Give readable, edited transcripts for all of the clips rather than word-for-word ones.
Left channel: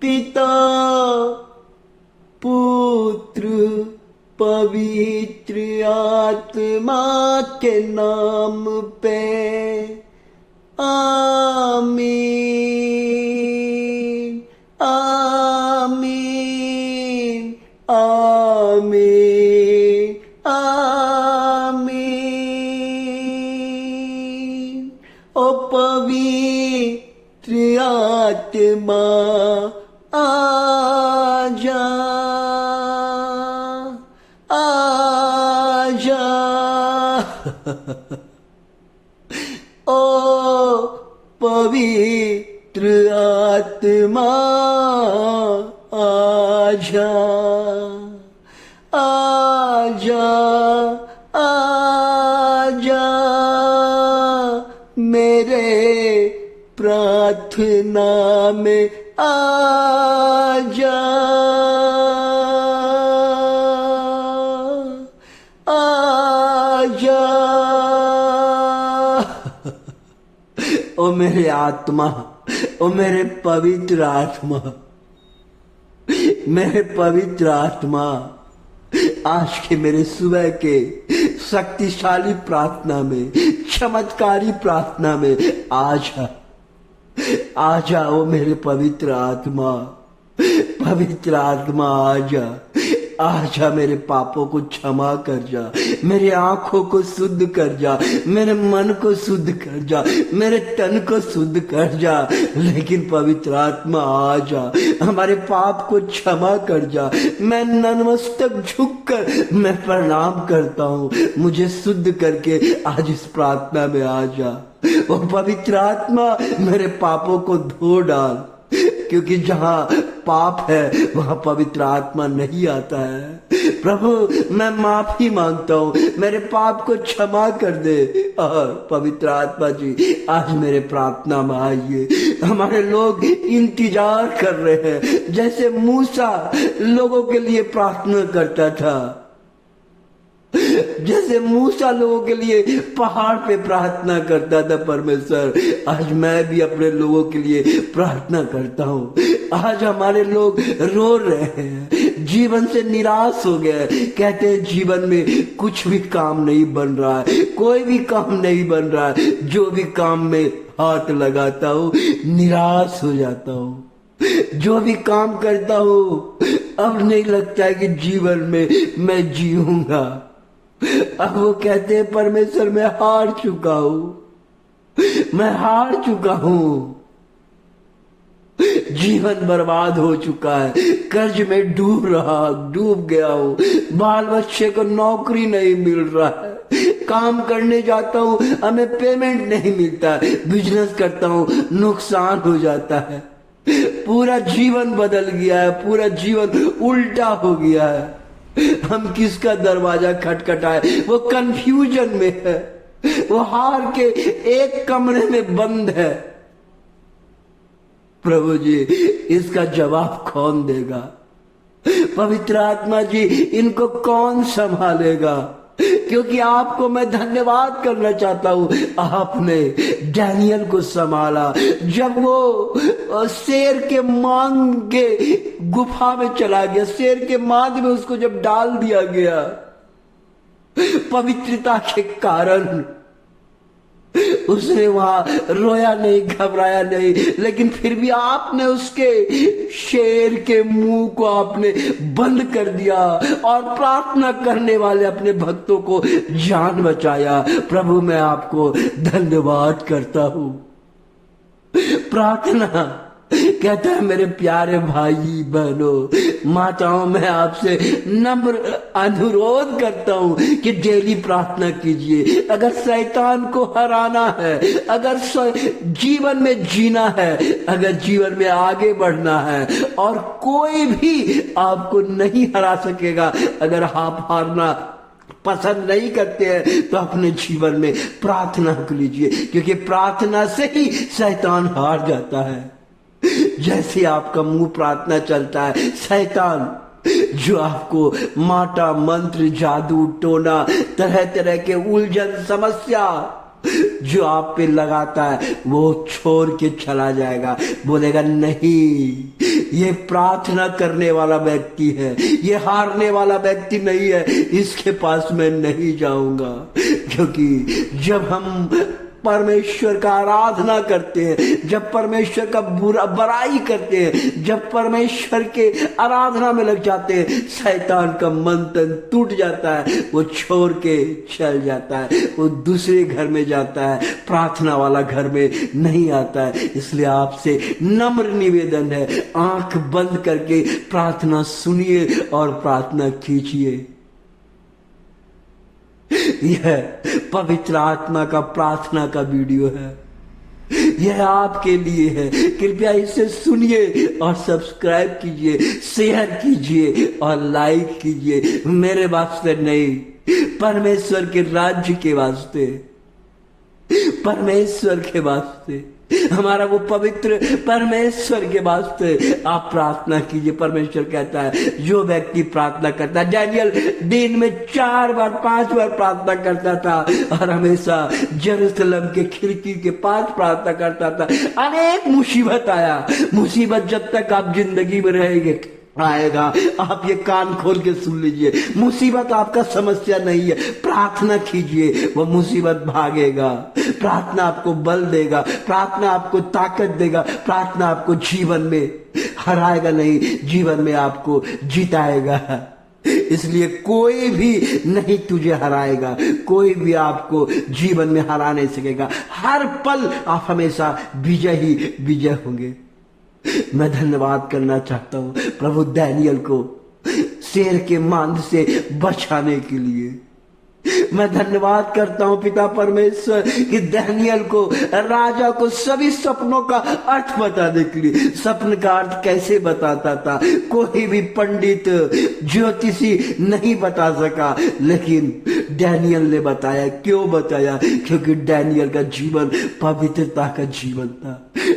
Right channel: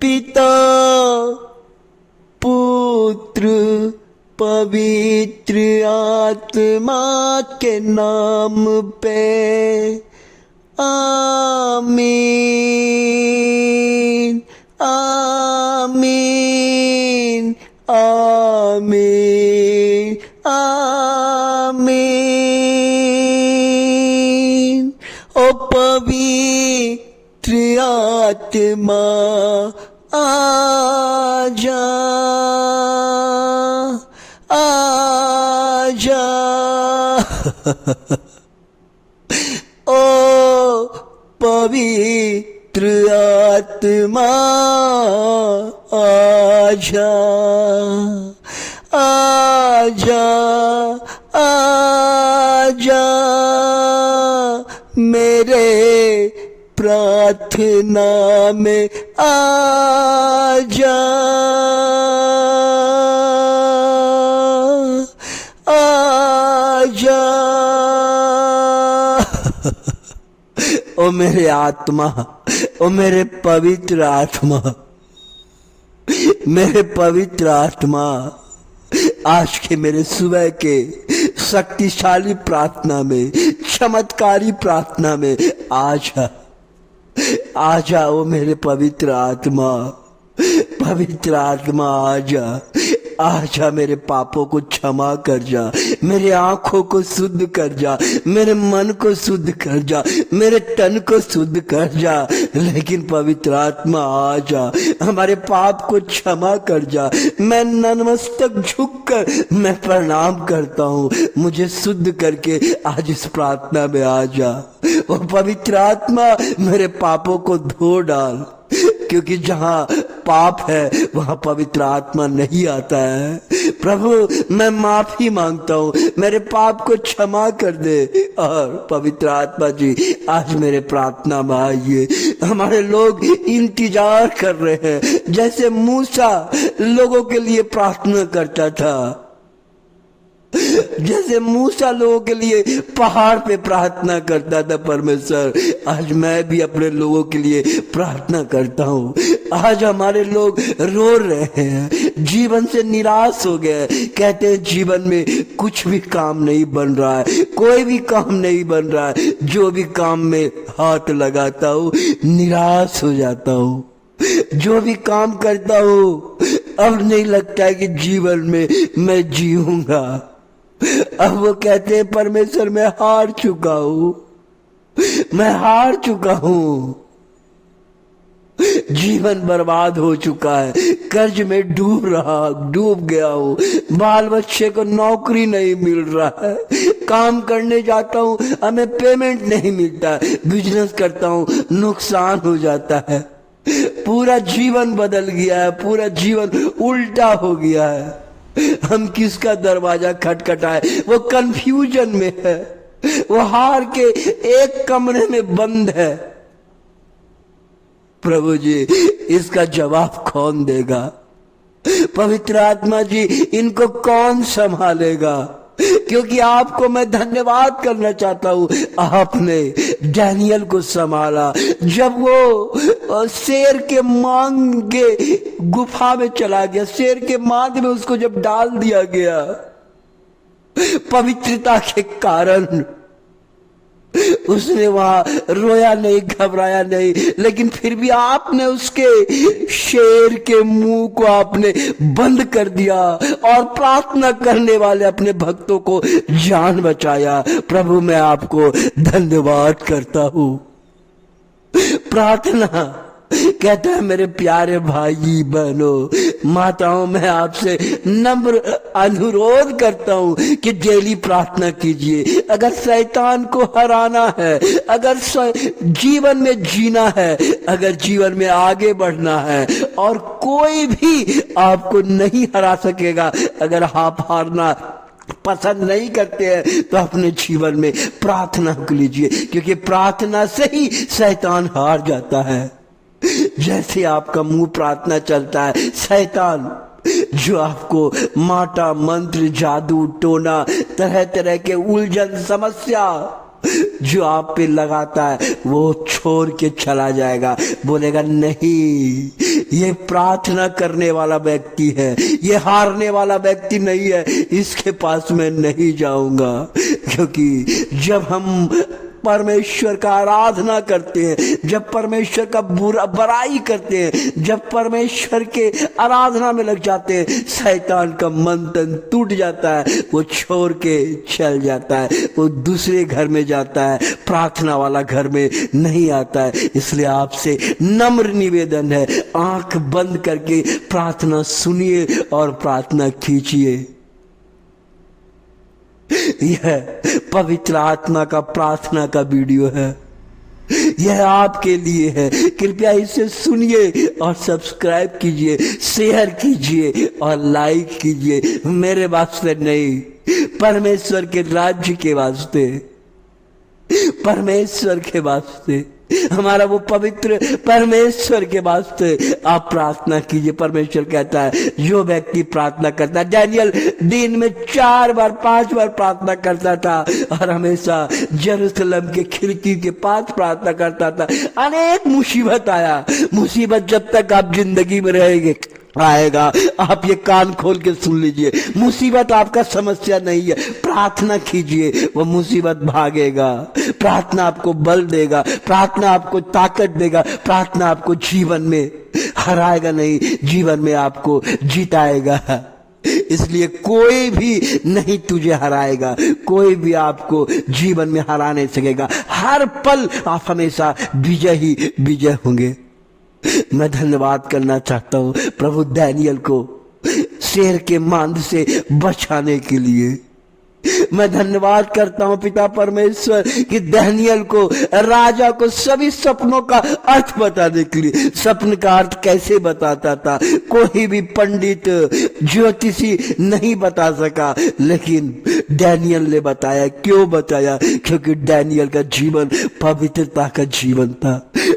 पिता पुत्र पवित्र आत्मा के नाम पे आमीन आमीन आमीन आमीन। ओ पवित्र आत्मा आजा आजा ओ पवित्र आत्मा आजा आजा आजा मेरे प्रार्थना में आजा आजा। ओ मेरे आत्मा, ओ मेरे पवित्र आत्मा, मेरे पवित्र आत्मा, आज के मेरे सुबह के शक्तिशाली प्रार्थना में, चमत्कारी प्रार्थना में आजा आजा। ओ मेरे पवित्र आत्मा, पवित्र आत्मा आजा आजा। मेरे पापों को क्षमा कर जा, मेरे आंखों को शुद्ध कर जा, मेरे मन को शुद्ध कर जा, मेरे तन को शुद्ध कर जा। लेकिन पवित्र आत्मा आजा, हमारे पाप को क्षमा कर जा। मैं नतमस्तक झुककर मैं प्रणाम करता हूँ, मुझे शुद्ध करके आज इस प्रार्थना में आजा। वो पवित्र आत्मा मेरे पापों को धो डाल, क्योंकि जहां पाप है वहां पवित्र आत्मा नहीं आता है। प्रभु मैं माफी मांगता हूँ, मेरे पाप को क्षमा कर दे। और पवित्र आत्मा जी आज मेरे प्रार्थना में आइए। हमारे लोग इंतजार कर रहे हैं, जैसे मूसा लोगों के लिए प्रार्थना करता था, जैसे मूसा लोगों के लिए पहाड़ पे प्रार्थना करता था। परमेश्वर आज मैं भी अपने लोगों के लिए प्रार्थना करता हूँ। आज हमारे लोग रो रहे हैं, जीवन से निराश हो गए, कहते हैं जीवन में कुछ भी काम नहीं बन रहा है, कोई भी काम नहीं बन रहा है। जो भी काम में हाथ लगाता हूँ निराश हो जाता हूँ, जो भी काम करता हूँ अब नहीं लगता है कि जीवन में मैं जीऊंगा। अब वो कहते हैं परमेश्वर मैं हार चुका हूं, मैं हार चुका हूं, जीवन बर्बाद हो चुका है, कर्ज में डूब गया हूं, बाल बच्चे को नौकरी नहीं मिल रहा है, काम करने जाता हूं हमें पेमेंट नहीं मिलता, बिजनेस करता हूं नुकसान हो जाता है, पूरा जीवन बदल गया है, पूरा जीवन उल्टा हो गया है। हम किसका दरवाजा खटखटाए, वो कंफ्यूजन में है, वो हार के एक कमरे में बंद है। प्रभु जी इसका जवाब कौन देगा? पवित्र आत्मा जी इनको कौन संभालेगा? क्योंकि आपको मैं धन्यवाद करना चाहता हूँ, आपने डैनियल को संभाला। जब वो शेर के मांग के गुफा में चला गया, शेर के मांग में उसको जब डाल दिया गया, पवित्रता के कारण उसने वहां रोया नहीं, घबराया नहीं, लेकिन फिर भी आपने उसके शेर के मुंह को आपने बंद कर दिया और प्रार्थना करने वाले अपने भक्तों को जान बचाया। प्रभु मैं आपको धन्यवाद करता हूं। प्रार्थना कहता है मेरे प्यारे भाई बहनों, माताओं, मैं आपसे नम्र अनुरोध करता हूं कि डेली प्रार्थना कीजिए। अगर शैतान को हराना है, अगर जीवन में जीना है, अगर जीवन में आगे बढ़ना है, और कोई भी आपको नहीं हरा सकेगा। अगर आप हारना पसंद नहीं करते हैं तो अपने जीवन में प्रार्थना कीजिए, क्योंकि प्रार्थना से ही शैतान हार जाता है। जैसे आपका मुंह प्रार्थना चलता है, शैतान जो आपको माटा मंत्र जादू टोना तरह तरह के उलझन समस्या जो आप पे लगाता है वो छोड़ के चला जाएगा। बोलेगा नहीं, ये प्रार्थना करने वाला व्यक्ति है, ये हारने वाला व्यक्ति नहीं है, इसके पास मैं नहीं जाऊंगा। क्योंकि जब हम परमेश्वर का आराधना करते हैं, जब परमेश्वर का बुराई करते हैं, जब परमेश्वर के आराधना में लग जाते हैं, शैतान का मन तन टूट जाता है, वो छोड़ के चल जाता है, वो दूसरे घर में जाता है, प्रार्थना वाला घर में नहीं आता है। इसलिए आपसे नम्र निवेदन है, आंख बंद करके प्रार्थना सुनिए और प्रार्थना कीजिए। यह पवित्र आत्मा का प्रार्थना का वीडियो है, यह आपके लिए है। कृपया इसे सुनिए और सब्सक्राइब कीजिए, शेयर कीजिए और लाइक कीजिए। मेरे वास्ते नहीं, परमेश्वर के राज्य के वास्ते, परमेश्वर के वास्ते, हमारा वो पवित्र परमेश्वर के वास्ते आप प्रार्थना कीजिए। परमेश्वर कहता है जो व्यक्ति प्रार्थना करता है, डैनियल दिन में 4 बार 5 बार प्रार्थना करता था और हमेशा जेरूसलम के खिड़की के पास प्रार्थना करता था। अनेक मुसीबत आया, मुसीबत जब तक आप जिंदगी में रहेंगे आएगा। आप ये कान खोल के सुन लीजिए, मुसीबत आपका समस्या नहीं है, प्रार्थना कीजिए, वो मुसीबत भागेगा। प्रार्थना आपको बल देगा, प्रार्थना आपको ताकत देगा, प्रार्थना आपको जीवन में हराएगा नहीं, जीवन में आपको जिताएगा। इसलिए कोई भी नहीं तुझे हराएगा, कोई भी आपको जीवन में हरा नहीं सकेगा। हर पल आप हमेशा विजय ही विजय होंगे। मैं धन्यवाद करना चाहता हूं प्रभु डैनियल को शेर के मांद से बचाने के लिए। मैं धन्यवाद करता हूं पिता परमेश्वर कि डैनियल को, राजा को सभी सपनों का अर्थ बताने के लिए। सपन का अर्थ कैसे बताता था, कोई भी पंडित ज्योतिषी नहीं बता सका, लेकिन डैनियल ने बताया। क्यों बताया? क्योंकि डैनियल का जीवन पवित्रता का जीवन था।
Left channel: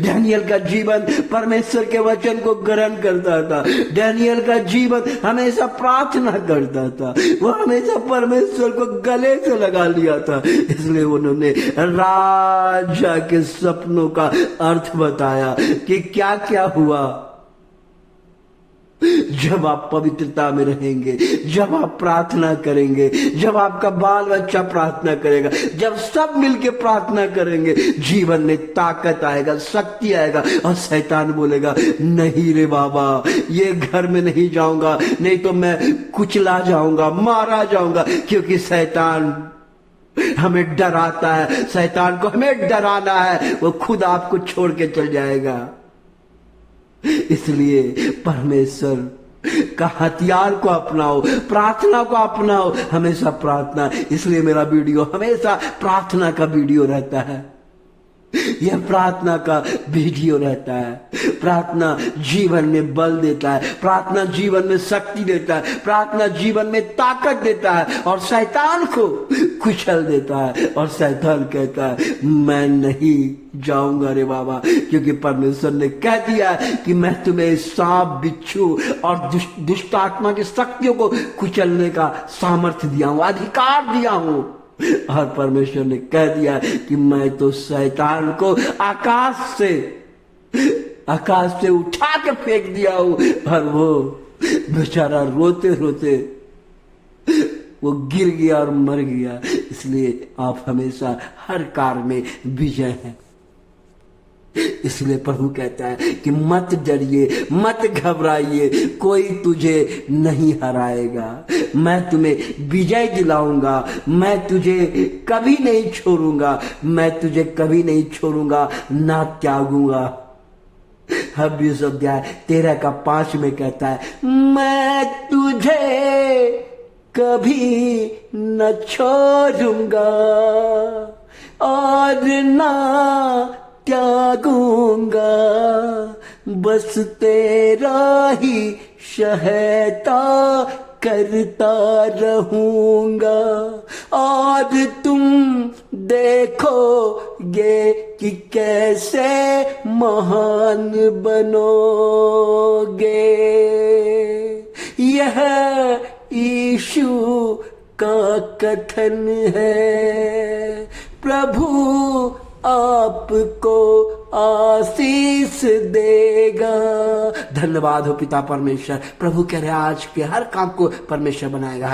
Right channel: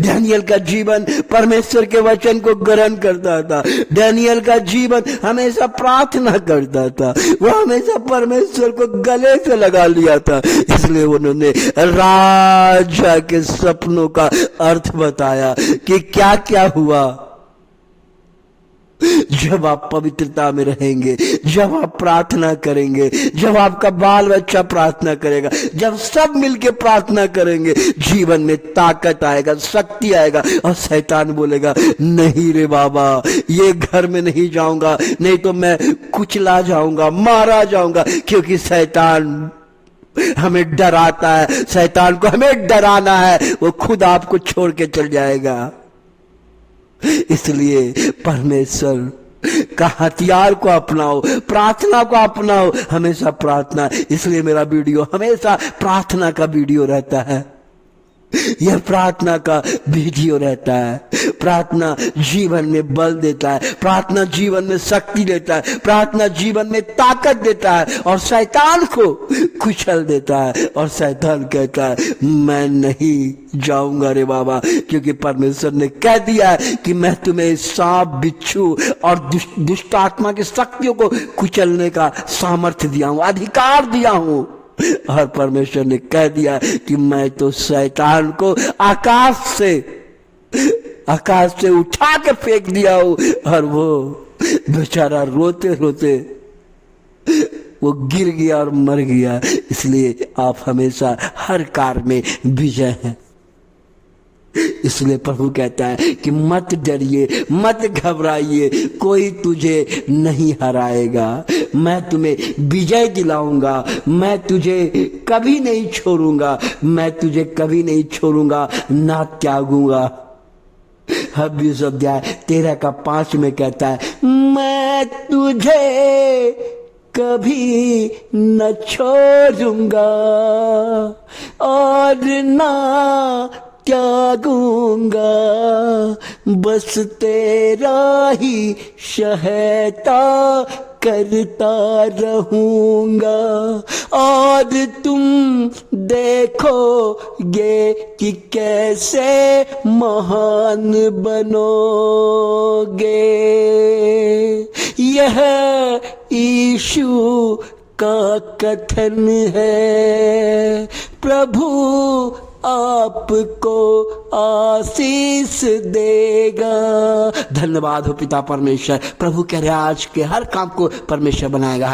डैनियल का जीवन परमेश्वर के वचन को ग्रहण करता था। डैनियल का जीवन हमेशा प्रार्थना करता था, वो हमेशा परमेश्वर को गले से लगा लिया था। इसलिए उन्होंने राजा के सपनों का अर्थ बताया कि क्या क्या हुआ जब आप पवित्रता में रहेंगे, जब आप प्रार्थना करेंगे, जब आपका बाल बच्चा प्रार्थना करेगा, जब सब मिलके प्रार्थना करेंगे, जीवन में ताकत आएगा, शक्ति आएगा। और शैतान बोलेगा नहीं रे बाबा, ये घर में नहीं जाऊंगा, नहीं तो मैं कुचला जाऊंगा, मारा जाऊंगा। क्योंकि शैतान हमें डराता है, शैतान को हमें डराना है, वो खुद आपको छोड़ के चल जाएगा। इसलिए परमेश्वर का हथियार को अपनाओ, प्रार्थना को अपनाओ, हमेशा प्रार्थना। इसलिए मेरा वीडियो हमेशा प्रार्थना का वीडियो रहता है, यह प्रार्थना का वीडियो रहता है। प्रार्थना जीवन में बल देता है, प्रार्थना जीवन में शक्ति देता है, प्रार्थना जीवन में ताकत देता है और शैतान को कुचल देता है। और शैतान कहता है मैं नहीं जाऊंगा रे बाबा, क्योंकि परमेश्वर ने कह दिया है कि मैं तुम्हें सांप, बिच्छू और दुष्ट आत्मा की शक्तियों को कुचलने का सामर्थ्य दिया हूं, अधिकार दिया हूं। और परमेश्वर ने कह दिया कि मैं तो शैतान को आकाश से उठा के फेंक दिया हूं। और वो बेचारा रोते रोते वो गिर गया और मर गया। इसलिए आप हमेशा हर कार्य में विजय हैं। इसलिए प्रभु कहता है कि मत डरिए, मत घबराइए, कोई तुझे नहीं हराएगा। मैं तुम्हें विजय दिलाऊंगा, मैं तुझे कभी नहीं छोड़ूंगा, मैं तुझे कभी नहीं छोड़ूंगा, ना त्यागूंगा। हब्बीस अध्याय 13:5 में कहता है मैं तुझे कभी न छोड़ूंगा और ना त्यागूंगा, बस तेरा ही सहायता करता रहूंगा। और तुम देखोगे कि कैसे महान बनोगे। यह यीशु का कथन है। प्रभु आपको आशीष देगा। धन्यवाद हो पिता परमेश्वर। प्रभु कह रहे आज के हर काम को परमेश्वर बनाएगा।